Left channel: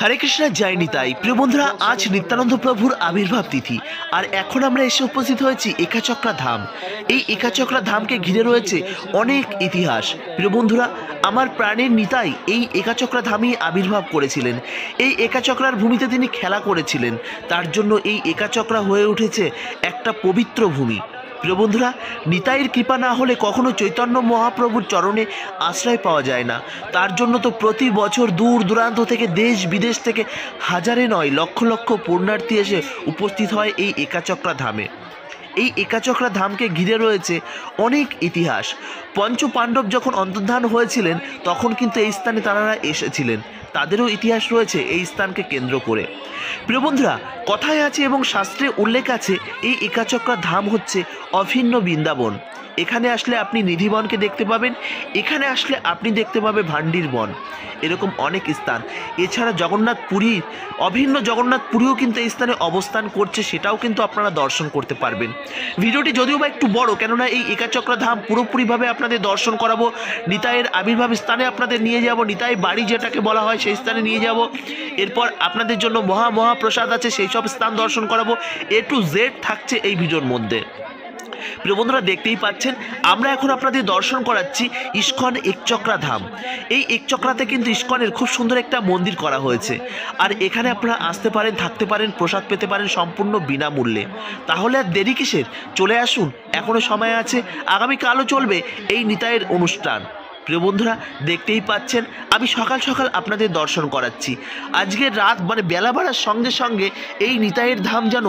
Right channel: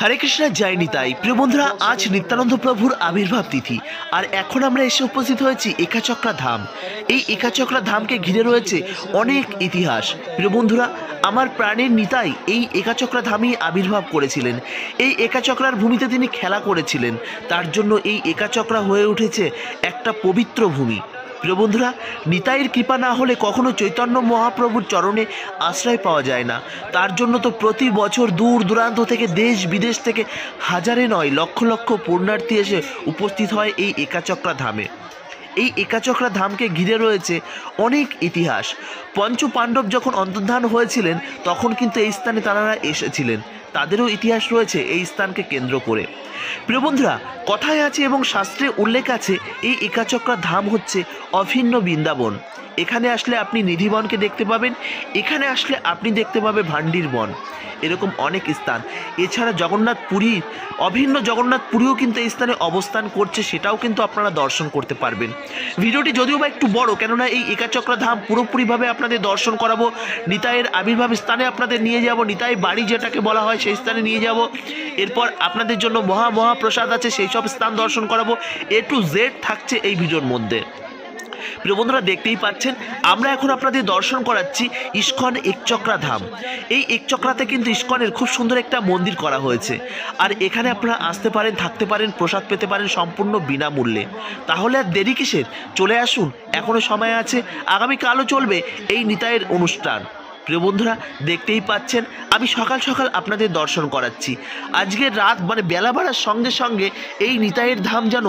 হরে কৃষ্ণ, জয় নিতাই। প্রিয় বন্ধুরা, আজ নিত্যানন্দ প্রভুর আবির্ভাব তিথি, আর এখন আমরা এসে উপস্থিত হয়েছি একাচক্রা ধাম। এই একাচক্রা ধামকে ঘিরে রয়েছে অনেক ইতিহাস। প্রিয় বন্ধুরা, আমার প্রাণের নিতাই এই একাচক্রা ধামেই আবির্ভাব করেছিলেন। এই একাচক্রার ভূমিতে তিনি খেলা করেছিলেন, তার জন্য এই একাচক্রা হয়ে উঠেছে একটা পবিত্র ভূমি। প্রিয় বন্ধুরা, নিতাইয়ের কৃপা না হলে কখনো চৈতন্য মহাপ্রভুর চরণে আশ্রয় পাওয়া যায় না। তার জন্য তো প্রতি বছর দূর দূরান্ত থেকে, দেশ বিদেশ থেকে হাজারে নয় লক্ষ লক্ষ পুণ্যার্থী এসে উপস্থিত হয় এই একাচক্রা ধামে। এই একাচক্রা ধামকে ঘিরে রয়েছে অনেক ইতিহাস। পঞ্চ পাণ্ডব যখন অন্তর্ধান হয়েছিলেন তখন কিন্তু এই স্থানে তাঁরা এসেছিলেন, তাদেরও ইতিহাস রয়েছে এই স্থানকে কেন্দ্র করে। প্রিয় বন্ধুরা, কথায় আছে এবং শাস্ত্রে উল্লেখ আছে, এই একাচক্রা ধাম হচ্ছে অভিন্ন বৃন্দাবন। এখানে আসলে আপনি নিধিবনকে দেখতে পাবেন, এখানে আসলে আপনি দেখতে পাবে ভান্ডির বন, এরকম অনেক স্থান। এছাড়া জগন্নাথ পুরীর অভিন্ন জগন্নাথ পুরীও কিন্তু এই স্থানে অবস্থান করছে, সেটাও কিন্তু আপনারা দর্শন করতে পারবেন। ভিডিওটি যদিও বা একটু বড়, কেননা এই একাচক্রা ধাম পুরোপুরিভাবে আপনাদের দর্শন করাবো। নিতাইয়ের আবির্ভাব স্থানে আপনাদের নিয়ে যাব, নিতাই বাড়ি যেটাকে বলা হয় সেই স্থানে নিয়ে যাব। এরপর আপনাদের জন্য মহাপ্রসাদ আছে, সেই সব স্থান দর্শন করাবো। A to Z থাকছে এই ভিডিওর মধ্যে। প্রিয় বন্ধুরা, দেখতেই পাচ্ছেন আমরা এখন আপনাদের দর্শন করাচ্ছি ইস্কন একচক্রা ধাম। এই একচক্রাতে কিন্তু ইস্কনের খুব সুন্দর একটা মন্দির করা হয়েছে, আর এখানে আপনারা আসতে পারেন, থাকতে পারেন, প্রসাদ পেতে পারেন সম্পূর্ণ বিনামূল্যে। তাহলে আর দেরি কিসের, চলে আসুন, এখনও সময় আছে। আগামীকালও চলবে এই নিতাইয়ের অনুষ্ঠান। প্রিয় বন্ধুরা, দেখতেই পাচ্ছেন আমি সকাল সকাল আপনাদের দর্শন করাচ্ছি। আজকের রাত বেলা বাড়ার সঙ্গে সঙ্গে এই নিতাইয়ের ধাম যেন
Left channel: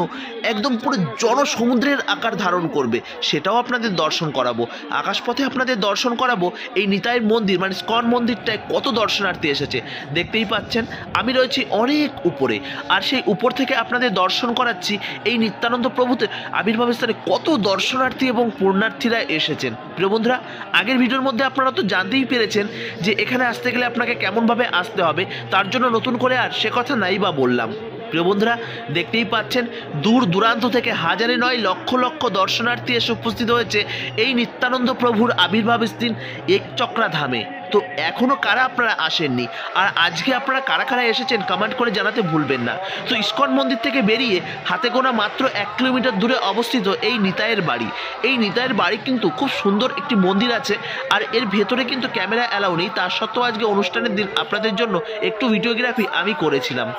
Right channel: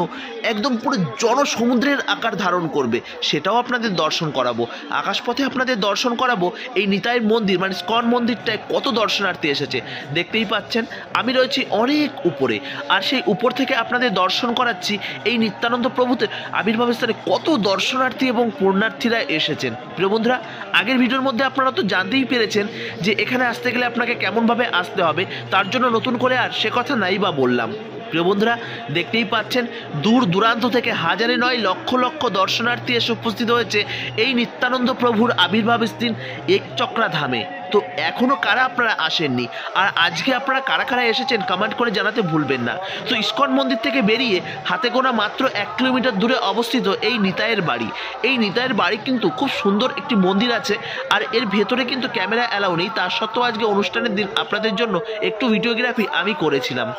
একদম পুরো জনসমুদ্রের আকার ধারণ করবে, সেটাও আপনাদের দর্শন করাবো। আকাশপথে আপনাদের দর্শন করাবো এই নিতাইয়ের মন্দির, ইস্কন মন্দিরটায় কত দর্শনার্থী এসেছে। দেখতেই পাচ্ছেন আমি রয়েছি অনেক উপরে, আর সেই উপর থেকে আপনাদের দর্শন করাচ্ছি এই নিত্যানন্দ প্রভুদের আবির্ভাব স্থানে কত দর্শনার্থী এবং পুণ্যার্থীরা এসেছেন। প্রিয় বন্ধুরা, আগের ভিডিওর মধ্যে আপনারা তো জানতেই পেরেছেন যে এখানে আসতে গেলে আপনাকে কেমনভাবে আসতে হবে, তার জন্য নতুন করে আর সে কথা নাই বা বললাম। প্রিয় বন্ধুরা, দেখতেই পাচ্ছেন দূর দূরান্ত থেকে হাজারে নয় লক্ষ লক্ষ দর্শনার্থী এসে উপস্থিত হয়েছে এই নিত্যানন্দ প্রভুর আবির্ভাব স্থান একচক্রা ধামে। তো এখনও কারা আপনারা আসেননি, আর আজকে আপনারা কারা কারা এসেছেন কমেন্ট করে জানাতে ভুলবেন না। তো ইস্কন মন্দির থেকে বেরিয়ে হাতে গোনা মাত্র 1 কিলোমিটার দূরে অবস্থিত এই নিতাইয়ের বাড়ি। এই নিতাইয়ের বাড়ি কিন্তু খুব সুন্দর একটি মন্দির আছে, আর এর ভেতরে কিন্তু ক্যামেরা অ্যালাউ নেই। তার সত্ত্বেও আজকে অনুষ্ঠানের দিন আপনাদের জন্য একটু ভিডিওগ্রাফি আমি করেছিলাম।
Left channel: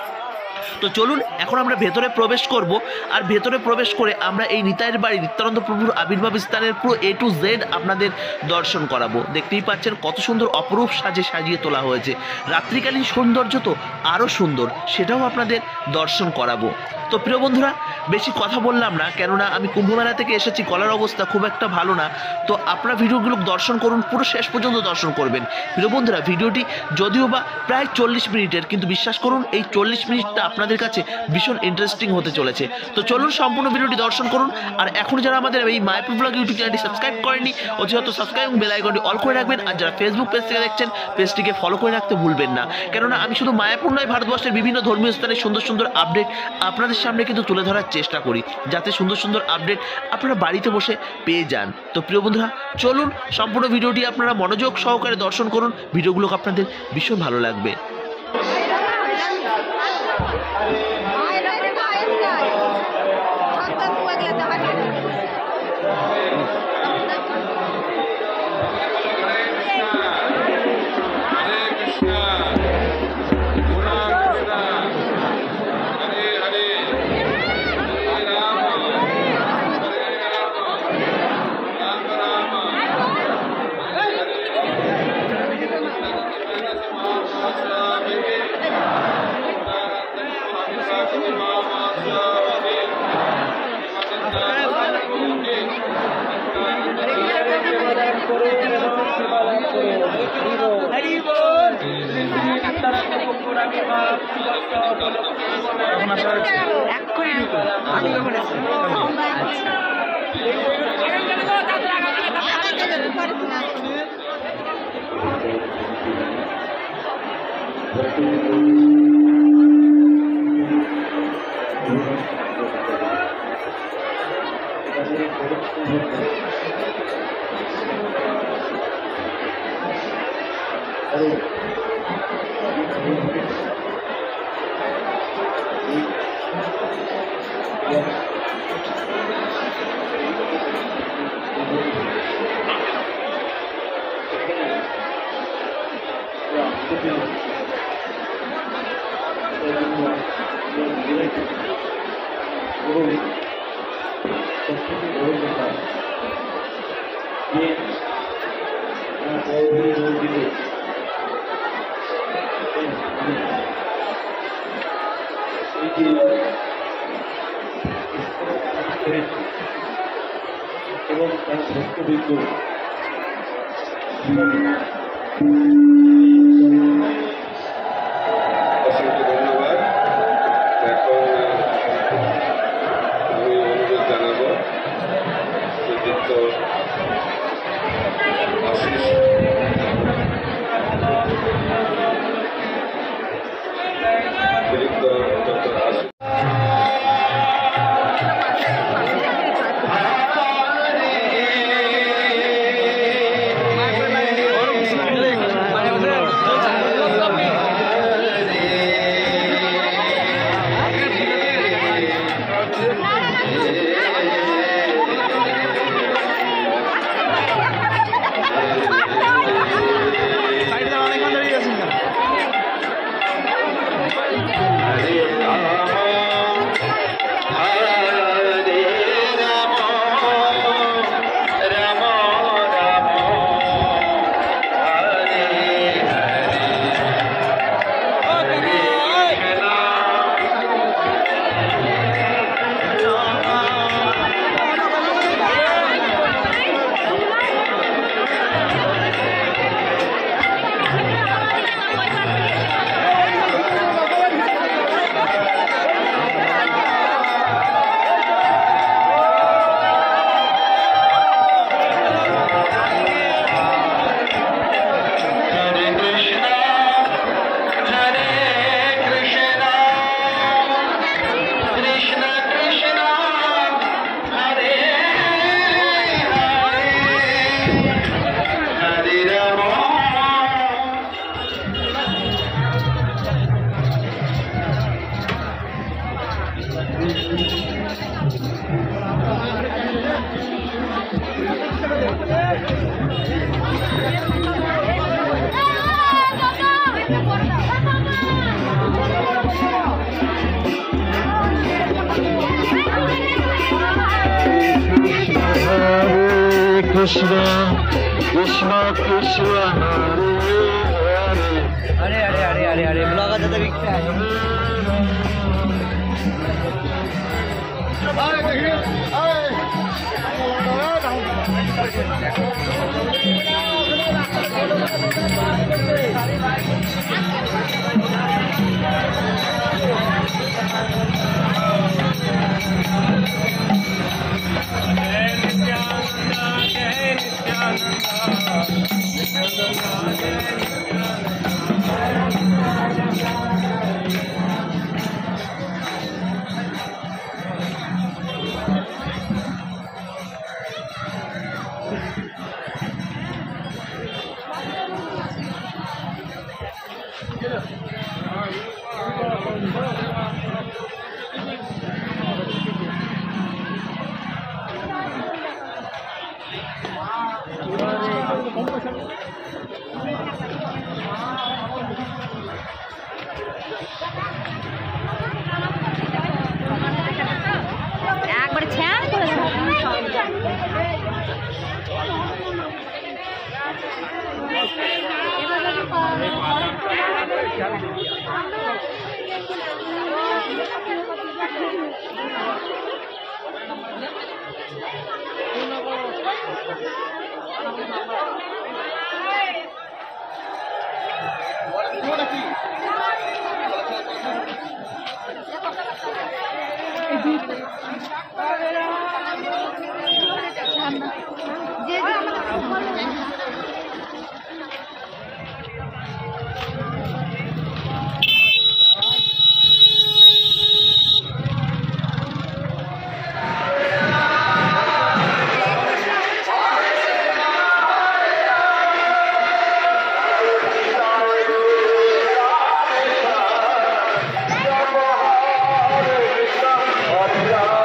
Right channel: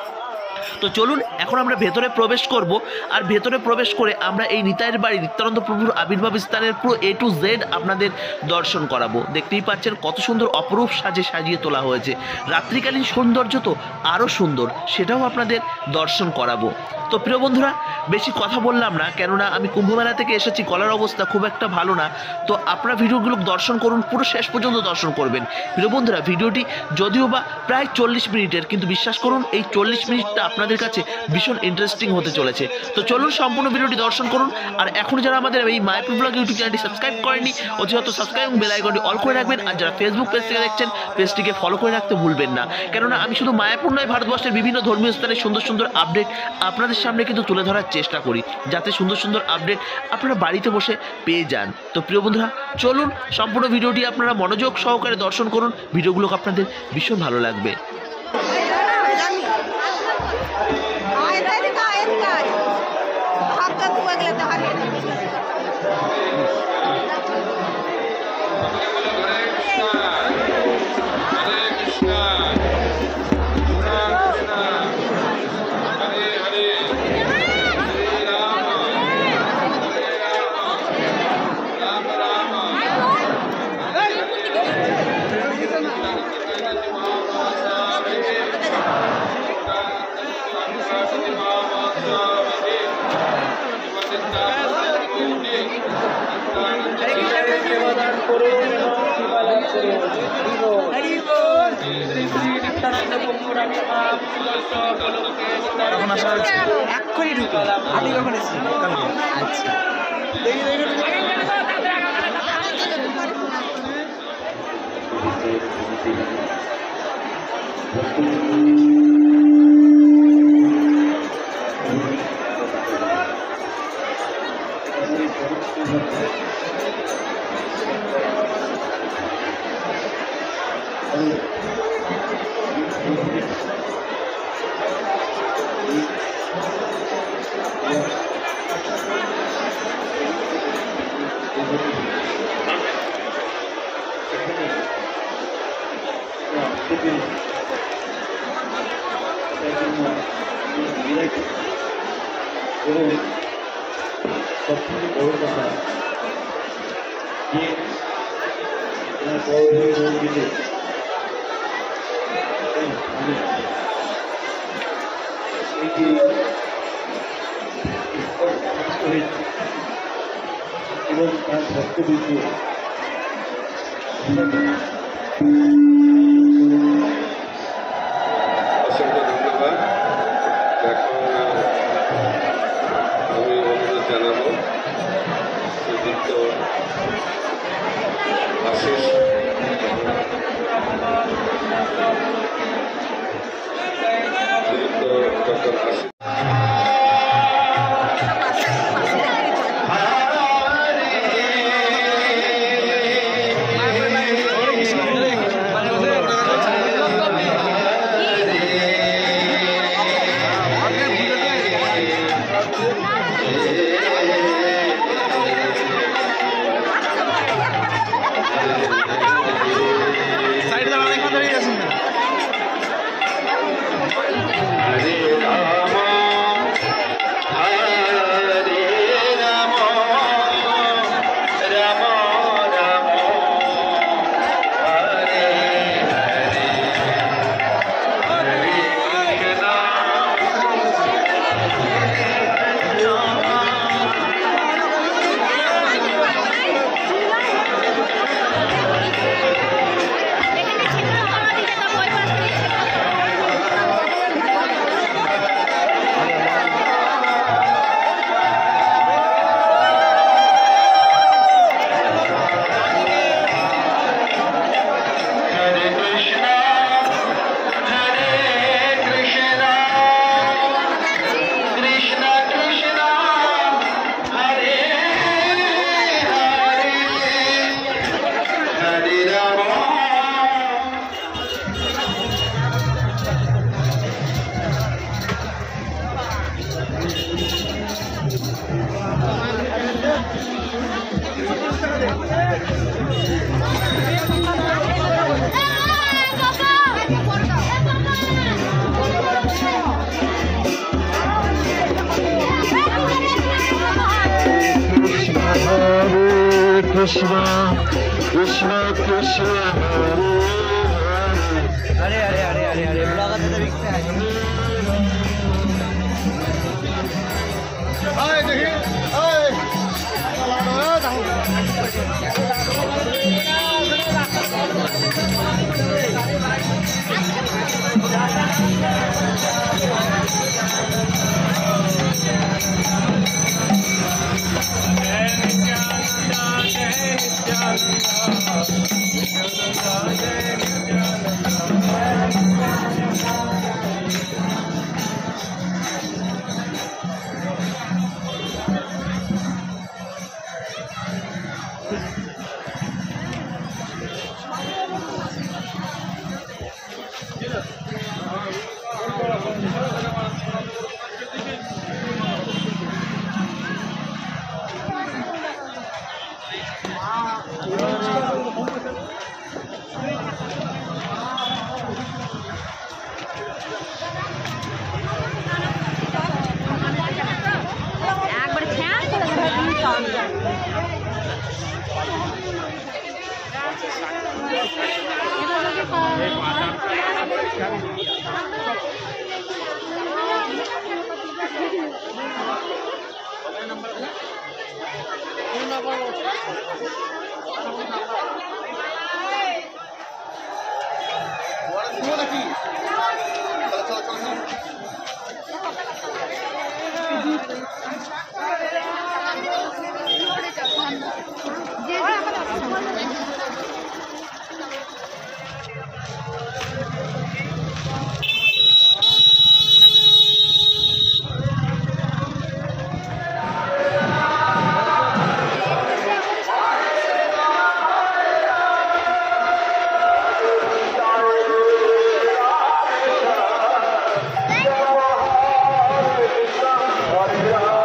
তো চলুন এখন আমরা ভেতরে প্রবেশ করব, আর ভেতরে প্রবেশ করে আমরা এই নিতাইয়ের বাড়ি নিত্যানন্দ প্রভুর আবির্ভাব স্থানের পুরো A to Z আপনাদের দর্শন করাবো। দেখতেই পাচ্ছেন কত সুন্দর অপরূপ সাজিয়ে তোলা হয়েছে। রাত্রিকালীন সৌন্দর্য তো আরও সুন্দর, সেটাও আপনাদের দর্শন করাবো। তো প্রিয় বন্ধুরা, বেশি কথা বললাম না, কেননা আমি কুম্ভমেলা থেকে এসেছি, গলার অবস্থা খুব একটা ভালো না। তো আপনারা ভিডিওগুলো দর্শন করুন, পুরো শেষ পর্যন্ত দর্শন করবেন। প্রিয় বন্ধুরা, ভিডিওটি যদিও বা প্রায় 40 মিনিটের, কিন্তু বিশ্বাস করুন এই 40 মিনিটটা আপনাদের কাছে ভীষণ ইন্টারেস্টিং হতে চলেছে। তো চলুন সম্পূর্ণ ভিডিওটি দর্শন করুন। আর এখন যারা আমাদের এই মায়াপুর ব্লগ ইউটিউব চ্যানেলটি সাবস্ক্রাইব করেননি, অতিরিক্ত সাবস্ক্রাইব এবং বেল আইকনটি অল করে রাখবেন। আর যারা ফেসবুক পেজ থেকে দেখছেন, পেজটিকে ফলো করে রাখতে ভুলবেন না, কেননা আমি শুধু মায়াপুর নয়, ভারতবর্ষের বিভিন্ন ধর্মীয় স্থানের সুন্দর সুন্দর আপডেট আপনাদের সামনে কিন্তু তুলে ধরার চেষ্টা করি, যাতে সুন্দর সুন্দর আপডেট আপনারা বাড়িতে বসে পেয়ে যান। তো প্রিয় বন্ধুরা, চলুন সম্পূর্ণ ভিডিওটি আপনারা মনোযোগ সহকারে দর্শন করুন। ভিডিওগুলো আপনাদের ভীষণ ভালো লাগবে। এখন আসা হচ্ছে এক্ষুনি ঢুকো, আমি যখন এসেছি কালকে। আচ্ছা, এবং তার ভক্তবৃন্দ অসংখ্য ধন্যবাদ। এখন আমি অনুরোধ জানাবো শ্রীযুক্ত আশিস শ্রীযুক্ত ডক্টর আশিস সাইডে দাঁড়ান, এখানে দাঁড়িয়ে আছেন কেন? Krishna, Krishna Krishna, Hare Hare, Hare Hare, Hare Hare. Hare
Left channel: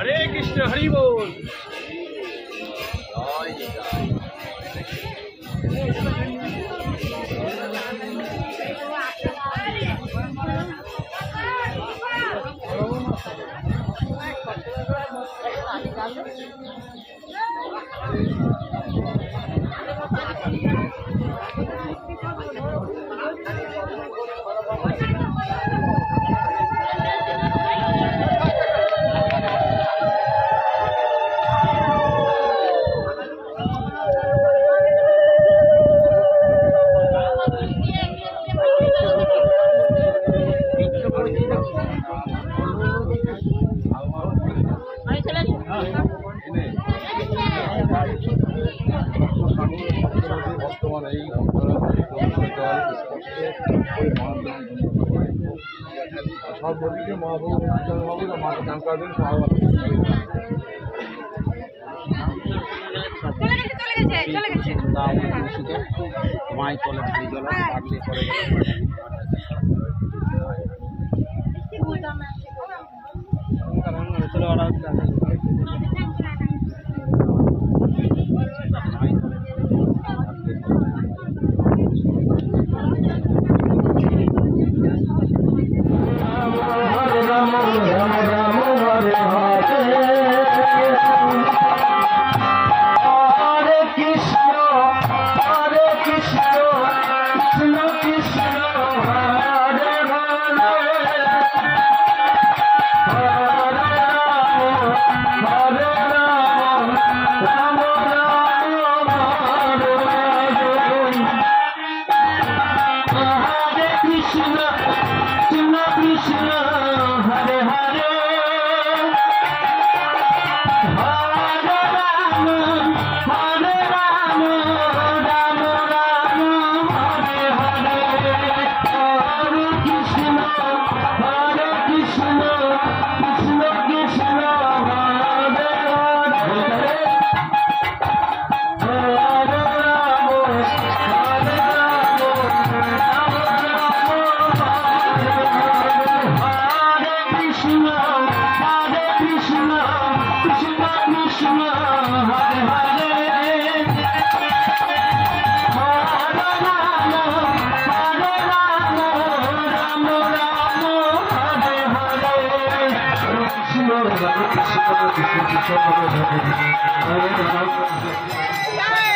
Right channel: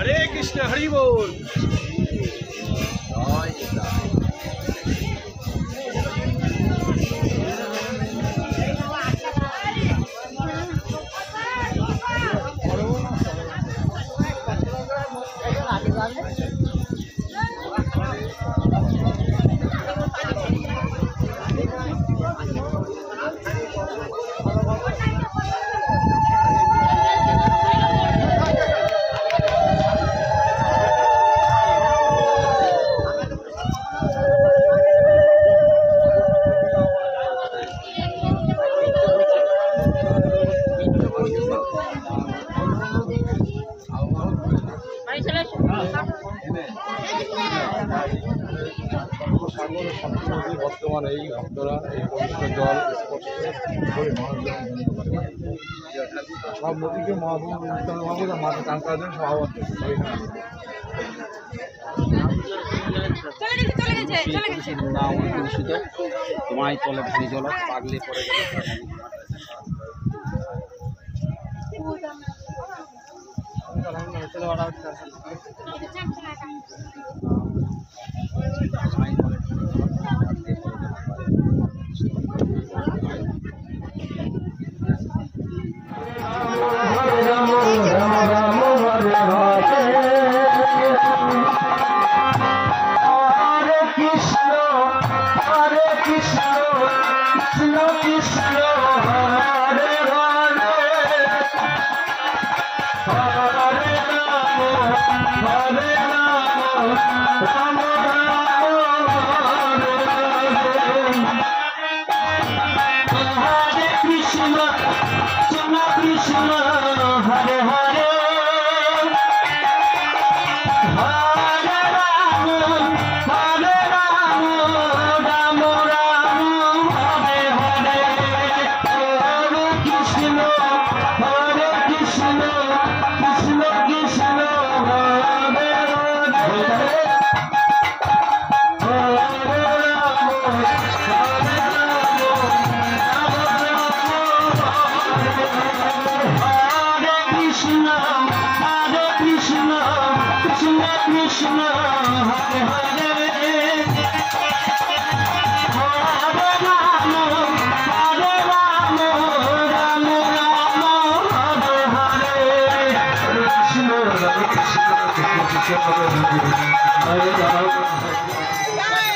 हरे कृष्ण हरि बोल। বর্তমানে এই ভক্তরা এই পবিত্র জল স্পর্শ করে সব নদীকে মহাপ্রভু মাকে দান করার জন্য সব তোমায় চলে ভারী জল আছে পাগলে পরে গেলে Hare Rama কৃষ্ণ হরে কৃষ্ণ কৃষ্ণ কৃষ্ণ হরে হরে হরে রাম রাম রাম হরে হরে কৃষ্ণ হরে কৃষ্ণ কৃষ্ণ কৃষ্ণ হরে হরে রাম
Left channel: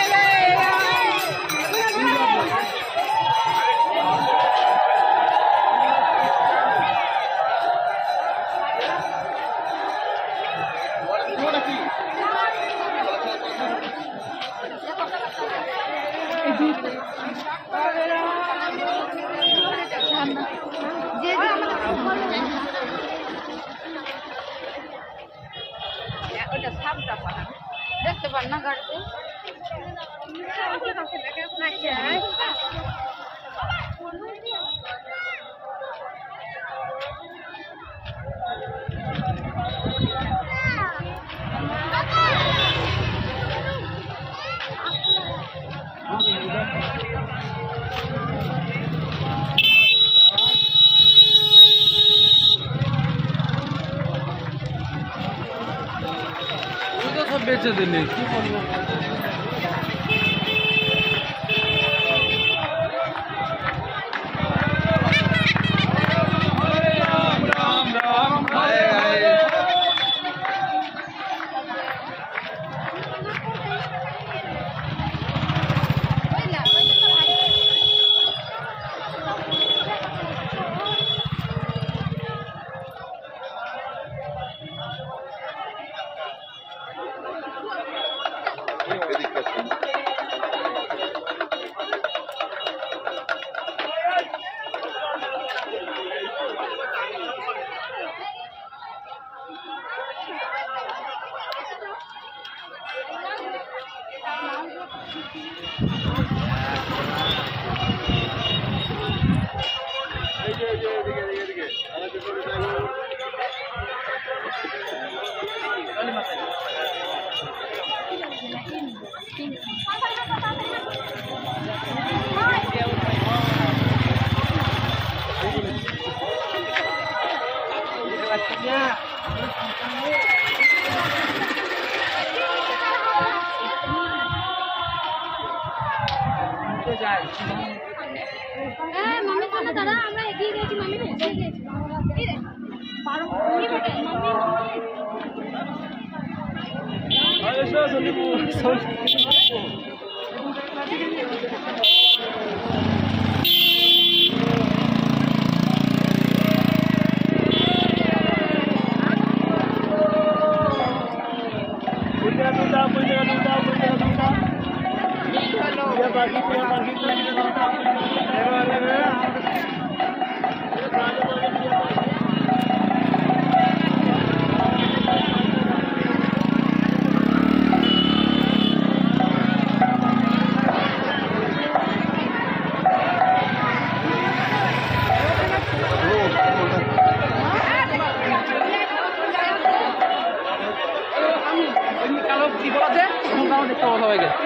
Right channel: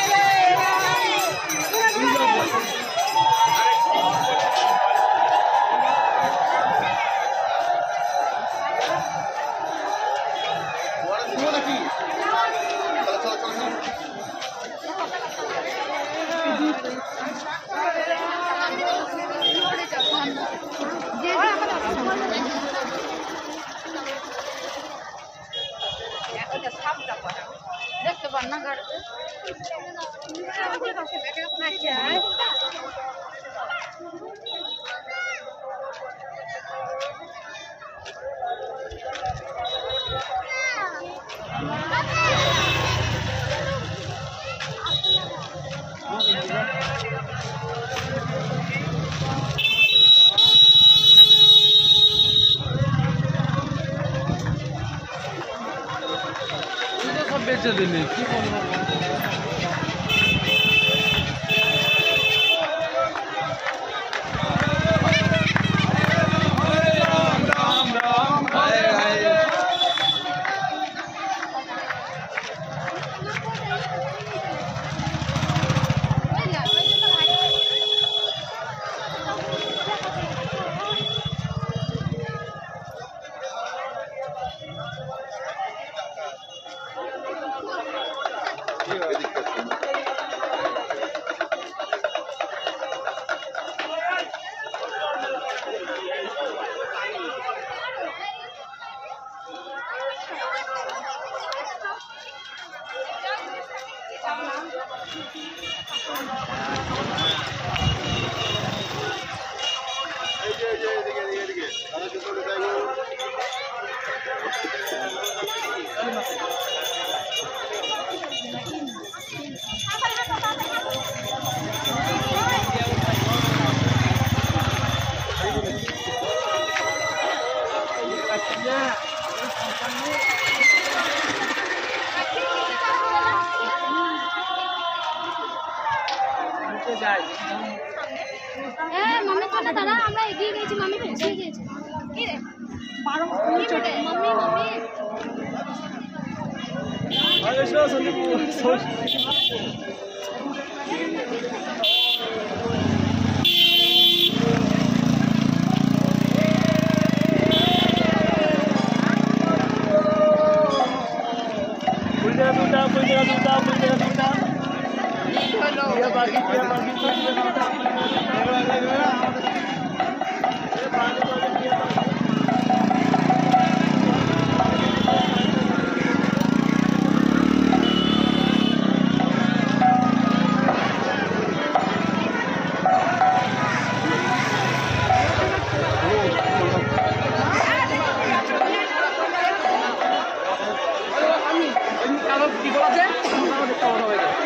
দেখতে পার না গাড়িতে বেঁচে দিনই কি বলবো হ্যাঁ মামি কথা দাঁড়া আমরা এগিয়ে গেছি মামি এসে গেছি কি রে পারো মামি বেটে মামি মামি আয়েশা সন্দীপু কি বলাছে দেখতে মনে হয়ে গেছে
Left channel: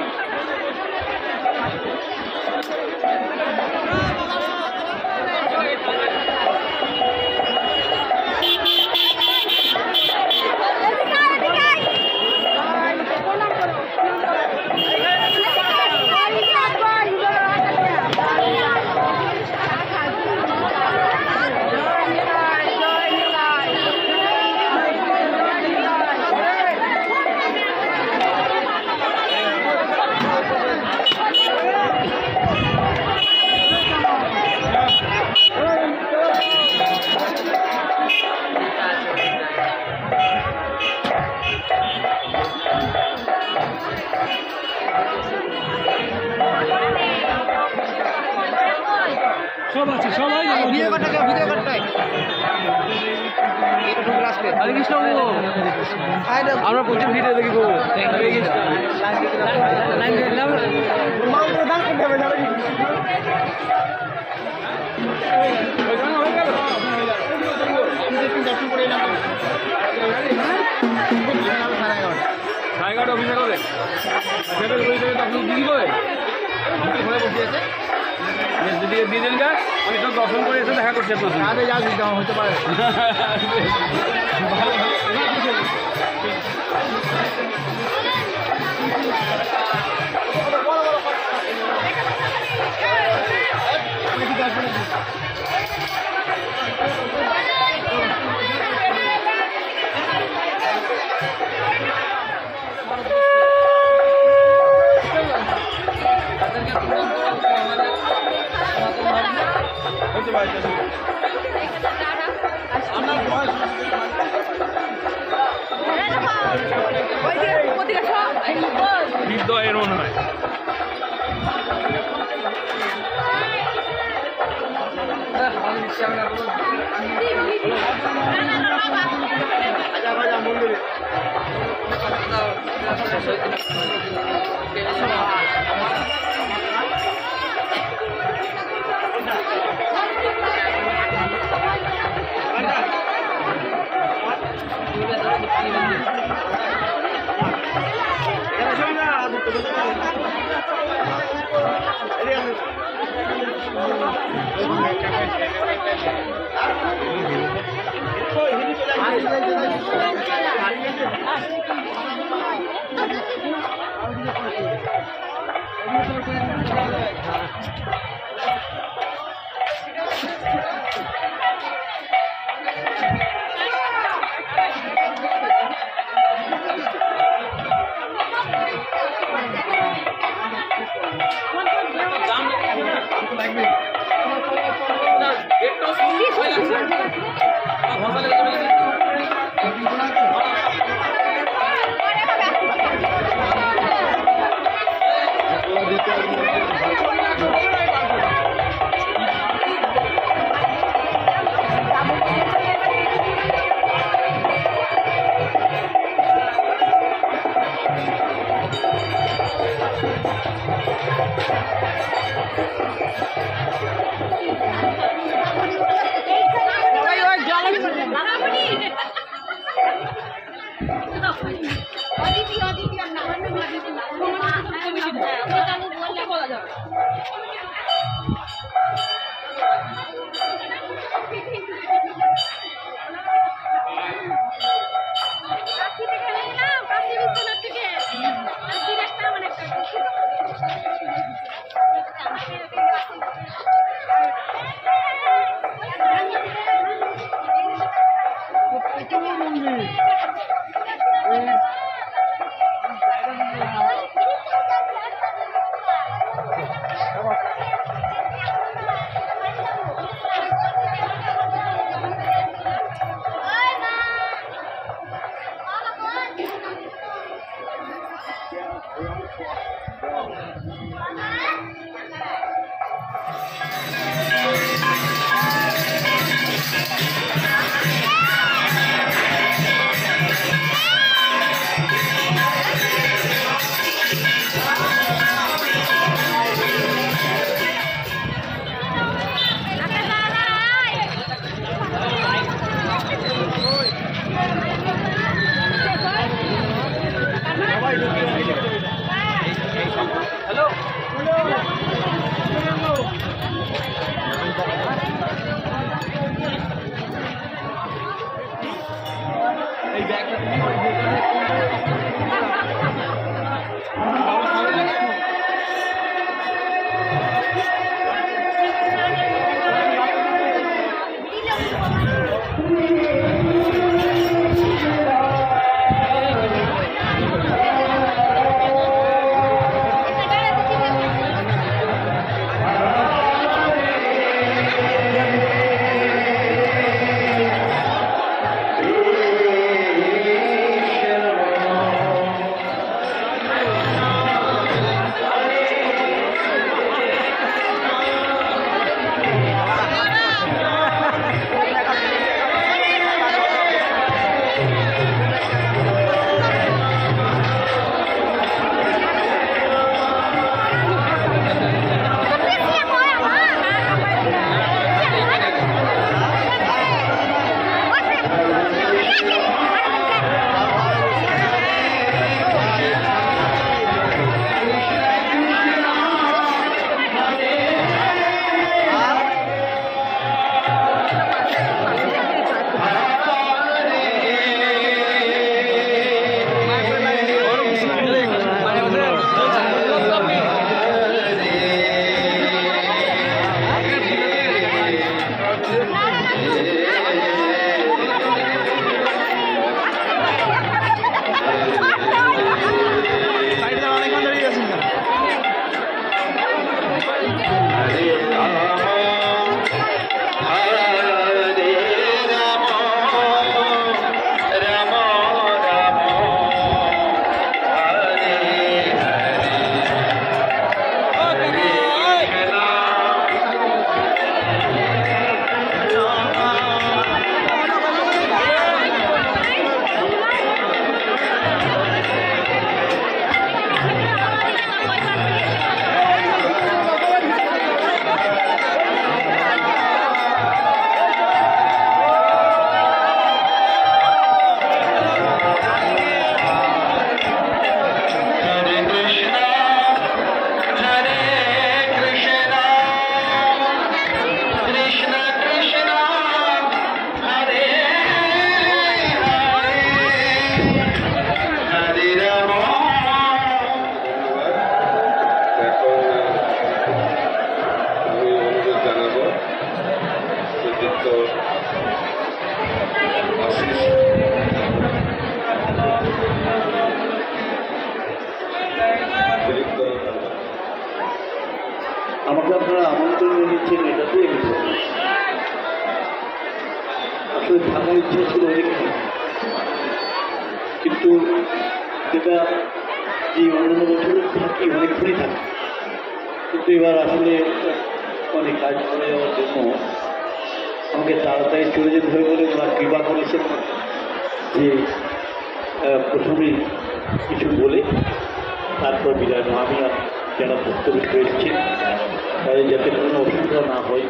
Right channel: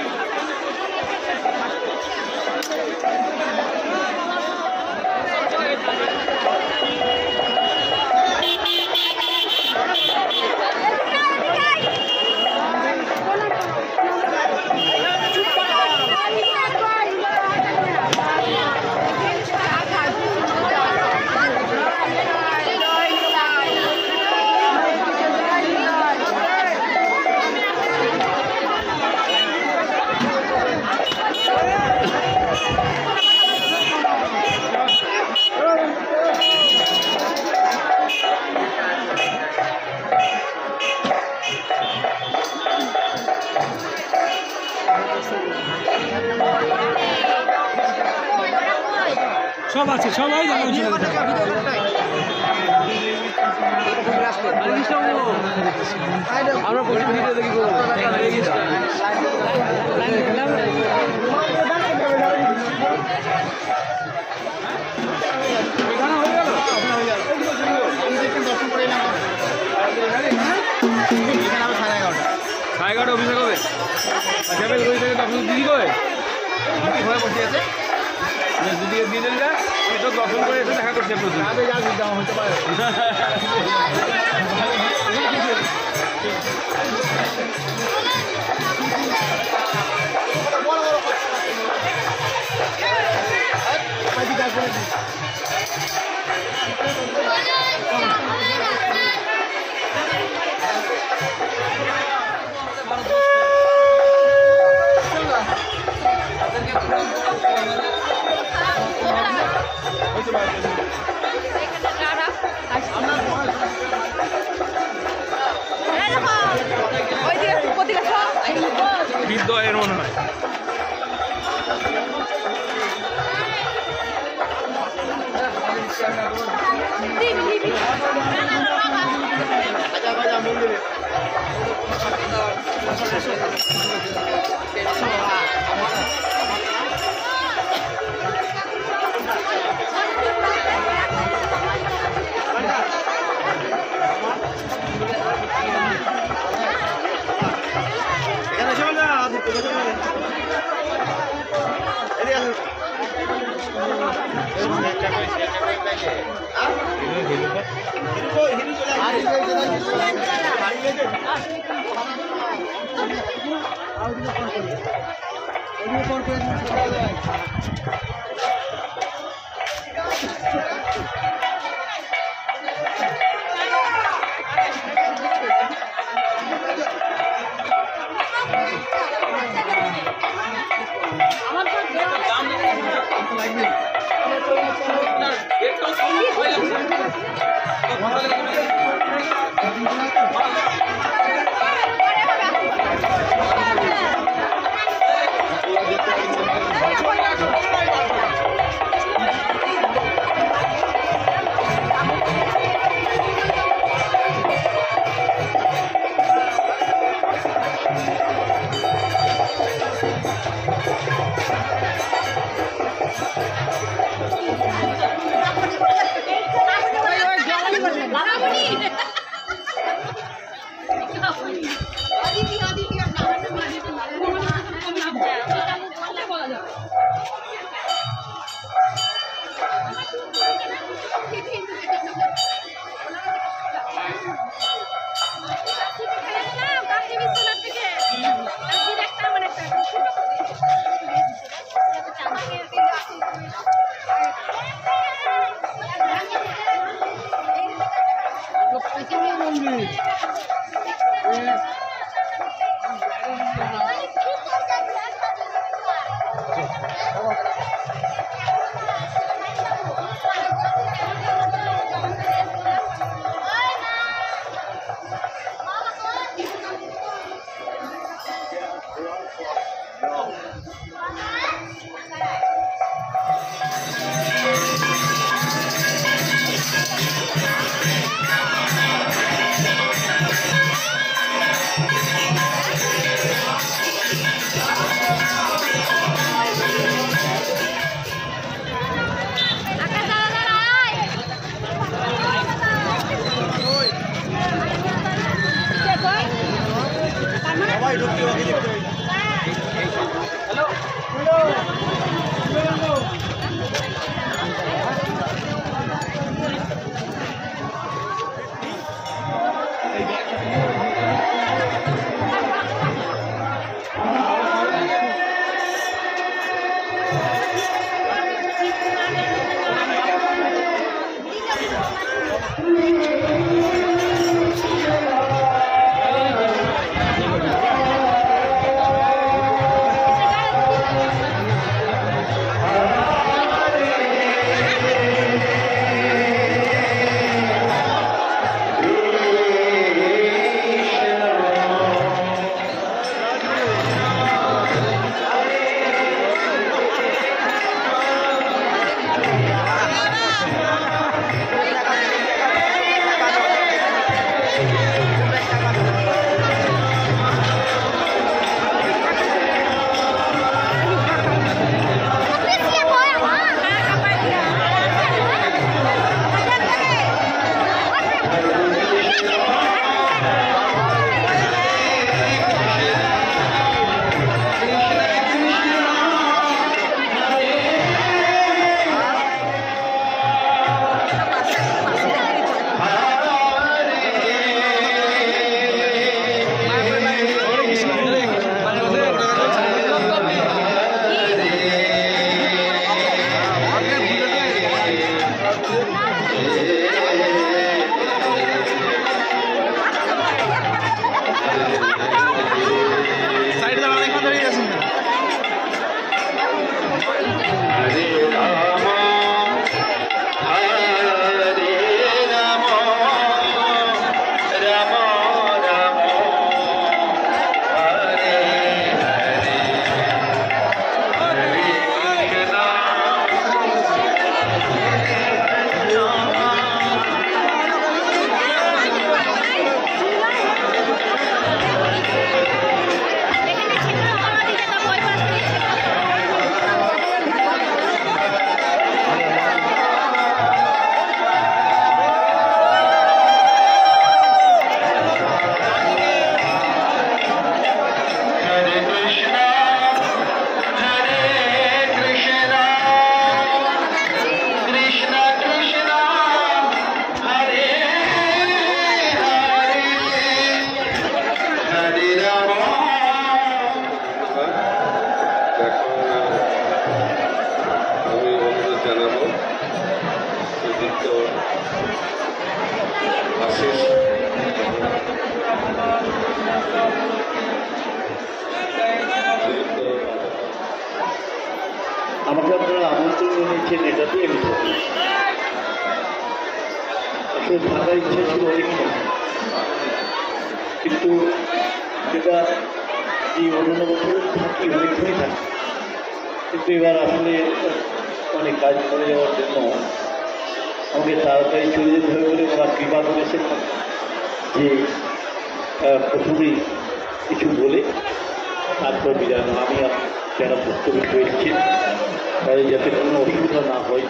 সব আছে সবাই ভিডিও করতে আমরা প্রচুর ভিডিও দেখবো সাড়ে 11টা অভিযোগ হবে দিদি করে বসে আছে যদি দিয়ে দিন যা আমি তো দর্শন করে এসে দেখা করতে প্রচুর হতে পারে এর মনে হয় দিচ্ছেন এটা তো এমনি আসলে থাকার ইচ্ছে ছিল অনেকক্ষণ, কিন্তু যেটা এই অন্যান্য বছর থাকি অনেকক্ষণই থাকি, কিন্তু এবার আসলে অনেক কাজ করে যাওয়ার জন্য আমাকে তাড়াতাড়ি চলে যেতে হবে বলে ওরা কৃপা করেছেন যে প্রথমেই কিছু বলে তারপর বিদায় নেওয়া। আমি যারা ভক্তবৃন্দ এসেছেন তাদের যাতে কোনো অসুবিধা না হয়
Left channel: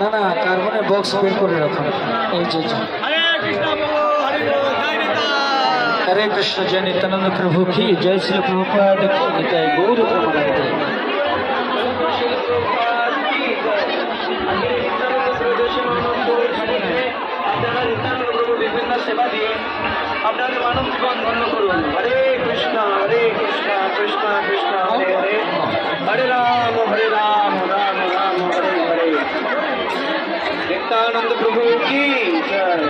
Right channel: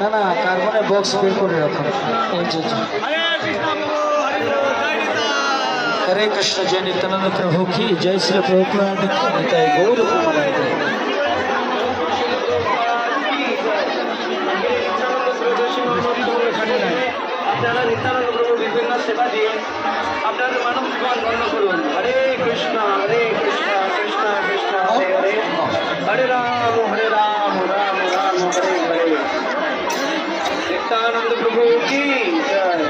না না কার্বনের বক্স বের করে রাখুন। এই যে हरे कृष्ण जय नित्यानंद प्रभु की जय श्री प्रभुपाद की निताय गौर प्रेमानंद। नित्यानंद प्रभु की जय निताय।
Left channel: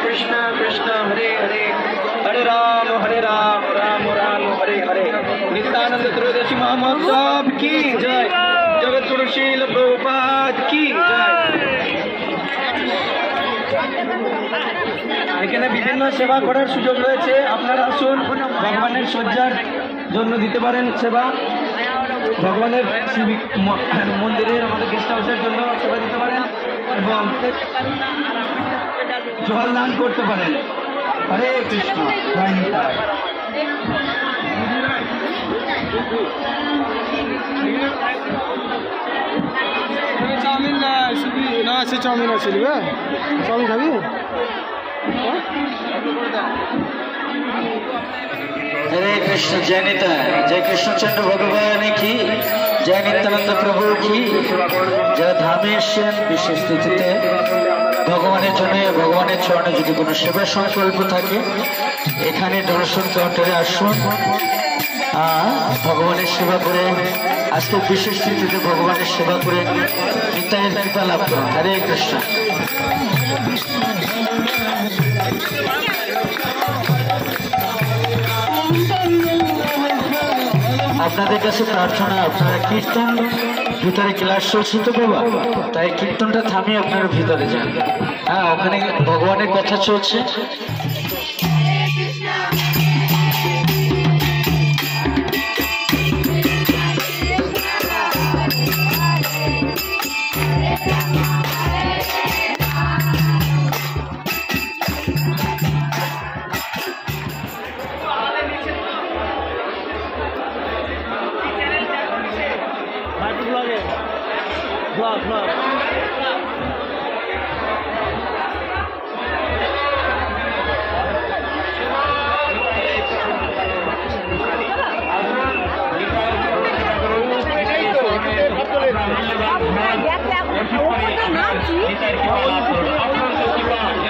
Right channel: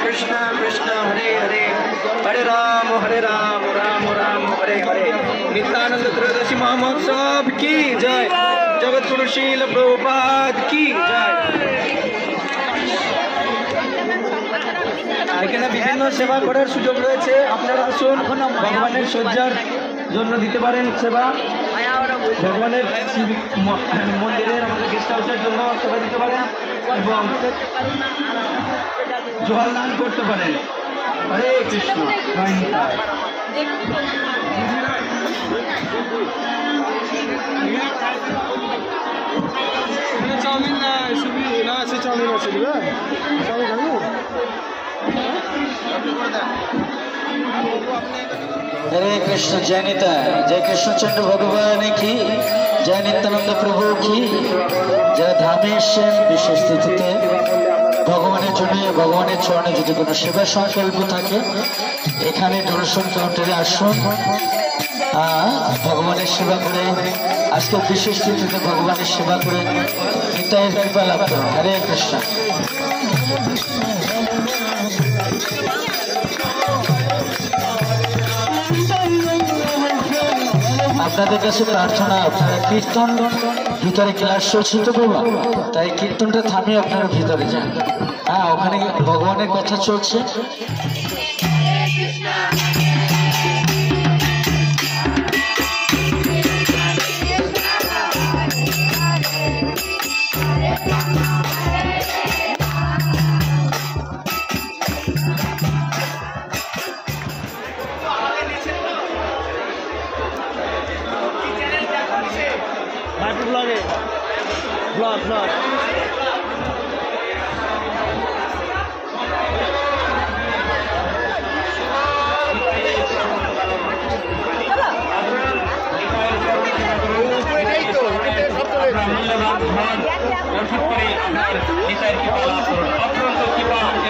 कृष्ण कृष्ण हरे हरे हरे राम राम राम हरे हरे। नित्यानंद त्रयोदशी महोत्सव की जय। जगत गुरु शील प्रभुपाद की जय। এখানে বিভিন্ন সেবা করার সুযোগ রয়েছে, আপনারা আসুন ভগবানের সজ্জার জন্য দিতে পারেন সেবা, ভগবানের মন্দিরের গেস্ট হাউসের জন্য সেবা দিতে পারেন এবং জল দান করতে পারেন। হরে কৃষ্ণ। চাউমিন না সে চাউমিন আছে চাউমিন খাবি? हरे कृष्ण जय निताय। जय कृष्णचंद्र भगवान की जय नित्यानंद प्रभु की। যারা ধামে এসেছেন বিশেষ তিথিতে ভগবানের জন্য ভগবানের চরণে যদি কোনো সেবা সংকল্প থাকে এখানে দর্শন কাউন্টারে আসুন, ভগবানের সেবা করে আজকে বিশেষ তিথিতে ভগবানের সেবা করে নিতাইয়ের কৃপা লাভ করুন। হরে কৃষ্ণ। আপনাদের কাছে প্রার্থনা, আপনারা কীর্তন ভিতরে ক্লাস চলছে তো বাবা, তাই কীর্তনটা থামিয়ে আপনারা ভিতরে যান। হ্যাঁ, ওখানে ভগবানের কথা চলছে।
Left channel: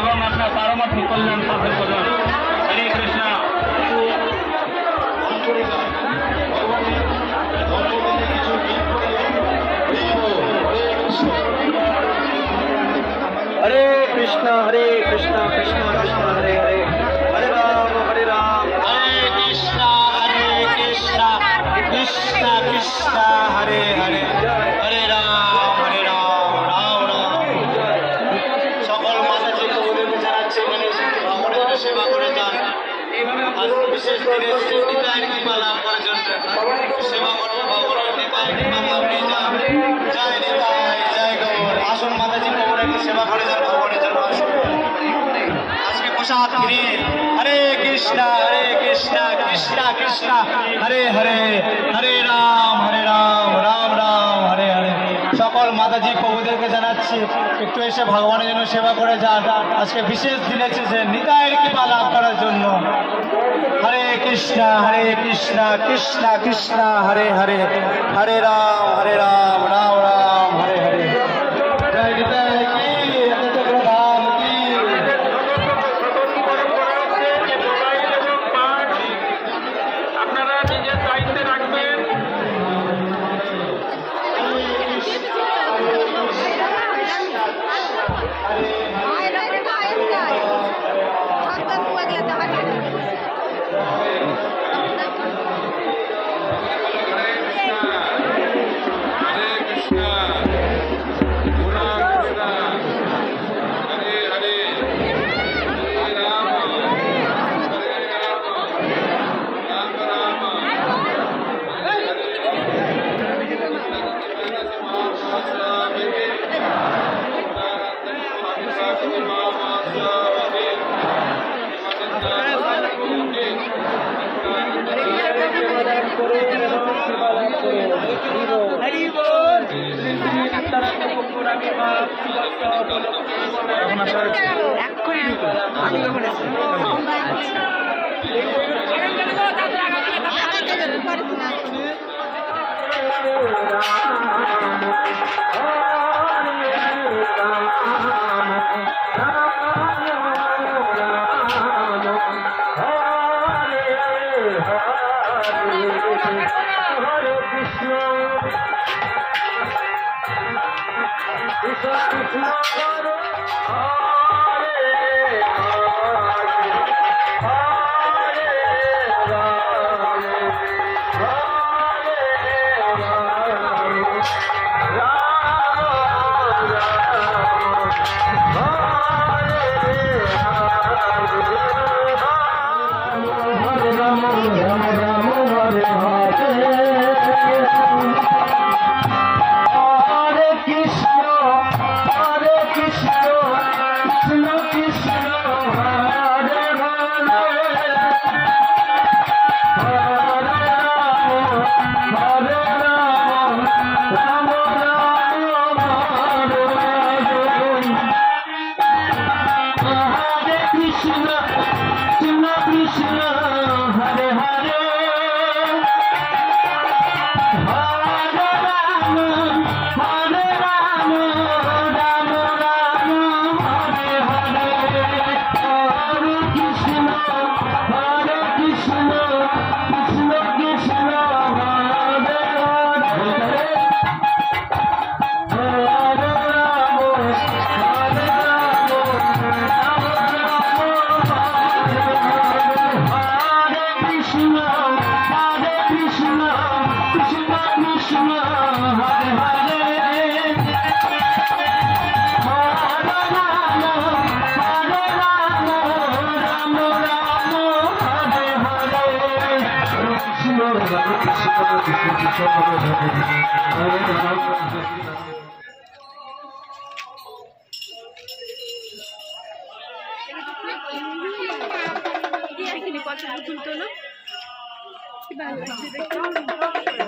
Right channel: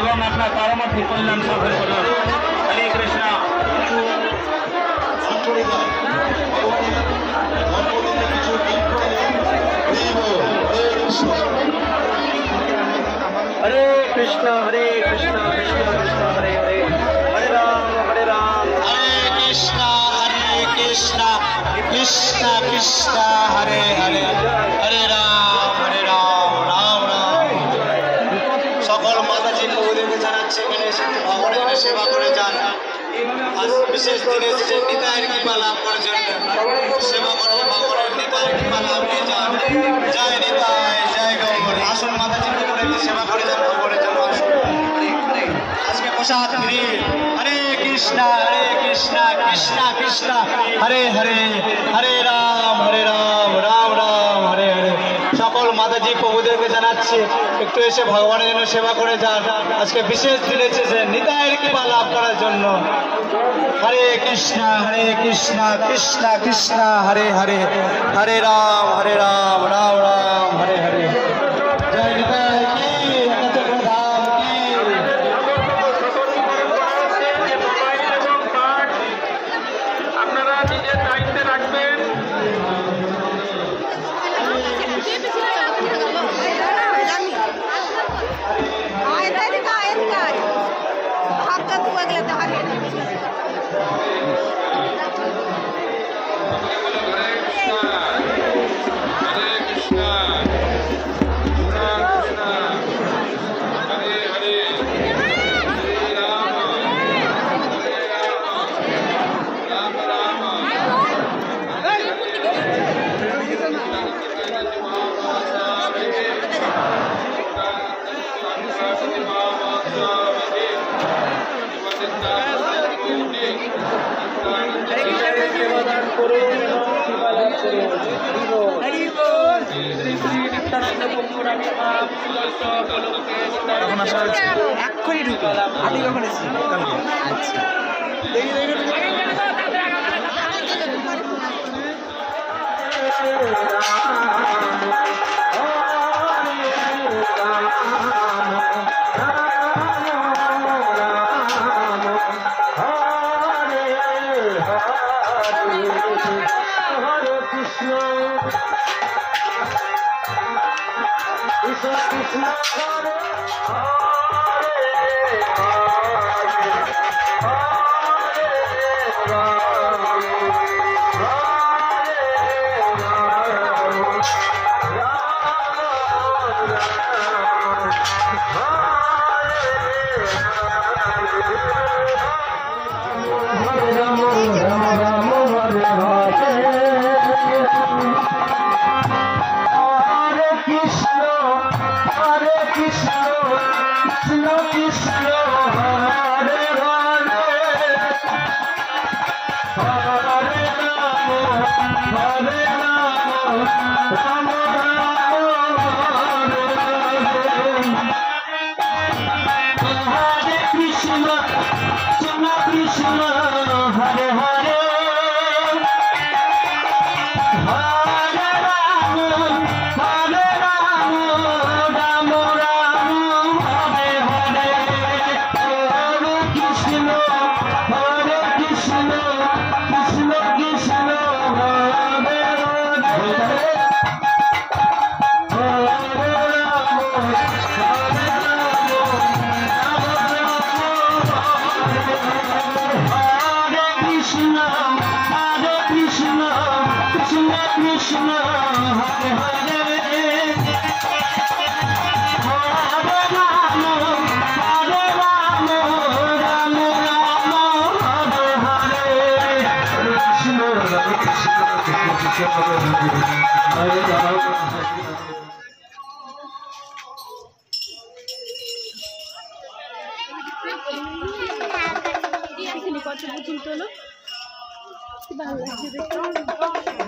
এবং আপনার পারমার্থ কল্যাণ সাধন করুন। হরে কৃষ্ণ। বিশেষ দিনে নিতাইয়ের কৃপা লাভ করার জন্য সেবা করবো নিতাইয়ের কৃপা লাভ হয়ে যান। জয় নিতাই, জয় গৌর। আসুন মাতাজি কবরে একটু সেবা করে যান, কবরের জন্য আসুন। আজকে প্রসাদ ফ্রি। হরে কৃষ্ণ কৃষ্ণ কৃষ্ণ হরে হরে, হরে রাম রাম রাম হরে হরে। সকল মাতাজি প্রভুদেরকে জানাচ্ছি একটু এসে ভগবানের জন্য সেবা করে যান। আজকে বিশেষ দিন এসেছে নিতাইয়ের কৃপা লাভ করার জন্য। হরে কৃষ্ণ কৃষ্ণ কৃষ্ণ হরে হরে, হরে রাম রাম রাম হরে হরে। জয় নিতাই কি, একাচক্র ধাম কি। আপনারা নিজের দায়িত্বে রাখবেন। এখন আসা হয়েছে এক্ষুনি ঢুকো। আমি কখন এসেছি? কালকে। আচ্ছা। কত বুঝুন তো না কি ভালো লাগছে দেখতে।